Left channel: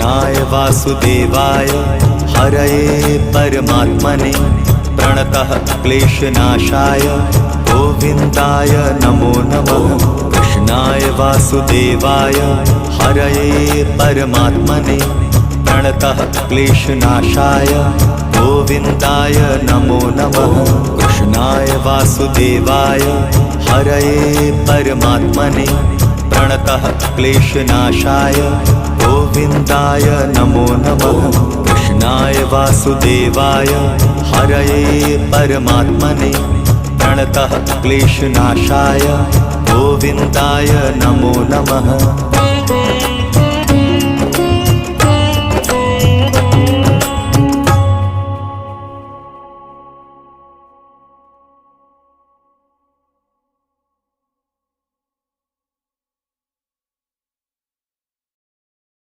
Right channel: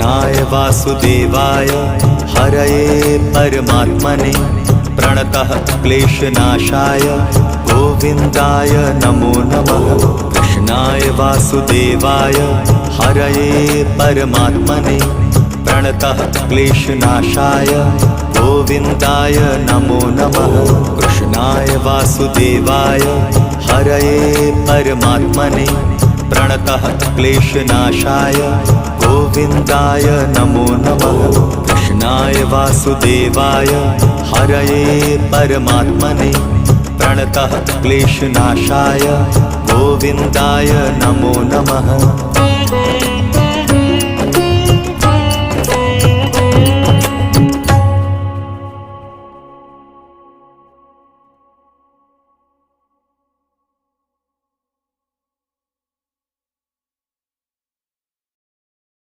कृष्णाय वासुदेवाय हरये परमात्मने प्रणतः क्लेशनाशाय गोविन्दाय नमो नमः। कृष्णाय वासुदेवाय हरये परमात्मने प्रणतः क्लेशनाशाय गोविन्दाय नमो नमः। कृष्णाय वासुदेवाय हरये परमात्मने प्रणतः क्लेशनाशाय गोविन्दाय नमो नमः। कृष्णाय वासुदेवाय हरये परमात्मने प्रणतः क्लेशनाशाय गोविन्दाय नमो नमः।